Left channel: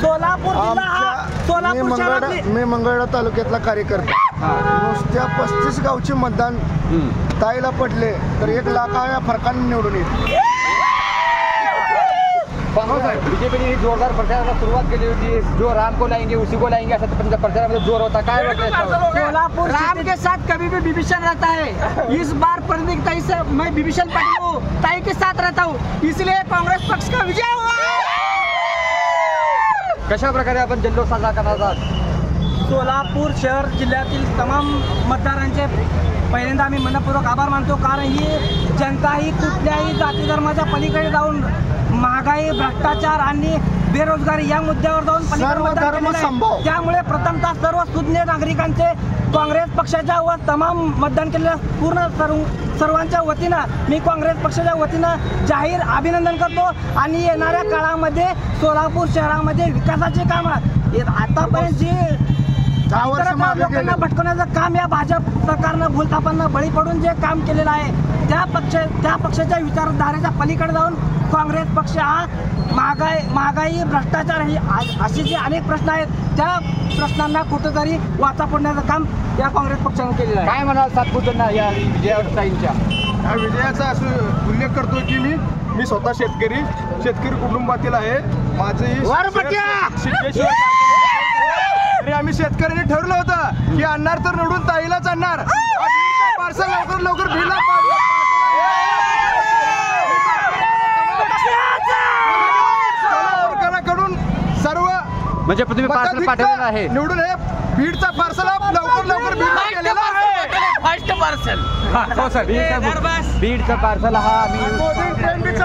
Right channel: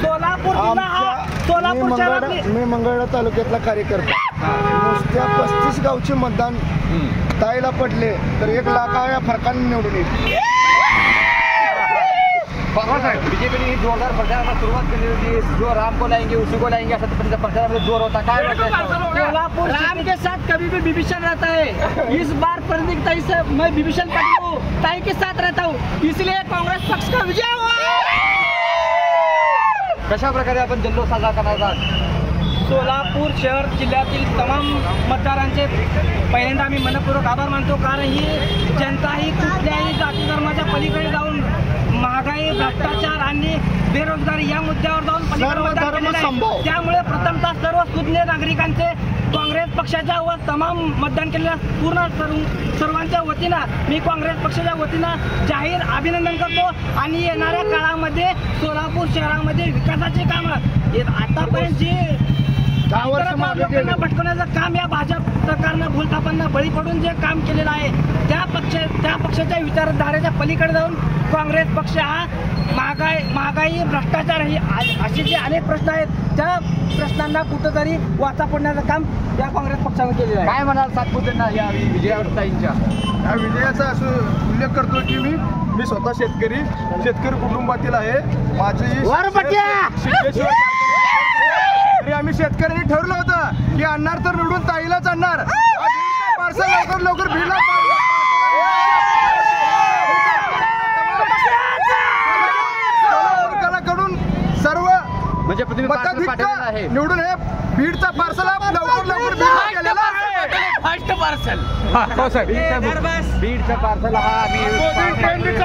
सोलापूर मी मंगळवेढा तालुक्यातला कार्यकर्ता. नुसत्या 35 गावचे मतदान ताईला पडले तर 1 लाखाच्या फरकाने निवडून येईल. बीजेपी ने जोरदार प्रचाराला सुरुवात केली होती. जो राम को लाएंगे उसी को लाएंगे असं त्यांच्या प्रचारामध्ये जोर होता. काय सोलापुर राम के साथ कभी भी विभीषण रहता है. इस बार प्रदीप ताई से मैं विभीषण ताई के साथ रहता हूँ, इसलिए कांग्रेस पक्ष का विजय हुआ. कशा प्रकारे आपण जल्लोष साजरा करणार आहात? सोलापूर शहर जिल्ह्यातील तमाम मतदारांचे पहिल्यांदा आम्ही मनपूर्वक आभार मानतो. कारण ही जनता ही कुठल्याही जाती धर्माच्या पलीकडे जाऊन महागाई, भ्रष्टाचार आणि बेरोजगारी या मुद्द्यावर जाऊन त्यामुळे प्रथमतः सर्व सुज्ञ नागरिकांचे काँग्रेस पक्षाच्या व तमाम मतदान केलेल्या पूर्ण सर्वांच्या वतीनं मी काँग्रेस पक्षाच्या वतीनं जाहीर अभिनंदन करतो. आणि येणाऱ्या काळामध्ये सोलापूर शहरामध्ये विकासाचे काम आतापर्यंत जे लोकांना भटकवण्याचं काम या भाजप सरकारनं भूलथापांना बळी पडून जे काम केलेलं आहे त्या पक्षाच्या विचारधारेच्या पलीकडे जाऊन काँग्रेस पक्ष हा महागाई भ्रष्टाचार ही असे जे अनेक प्रश्न आहेत त्या प्रश्नांना कुठेतरी वाचा फोडण्याचं काम या काँग्रेस पक्षानं केलेलं आहे. काय म्हणाल सातपुतेंना या विजयाताईंच्या? या विजयाचा असं उल्लेख करतो की मी स्वतः शेतकरी कुटुंबातील आहे. तरी आम्ही शेतकऱ्यांनी ठरवलं होतं की आणणार तर निवडून ताईलाच आणणार. पार्सल लवकर भिला कडून सर्व म्हणजे तुम्ही पार्सल पाठवलेलं आहे निवडून हे बीडचा पार्सल लवकर बीडला गेलेला आहे. First parcel. हो सर, बीडचा पार्सल हा आम्ही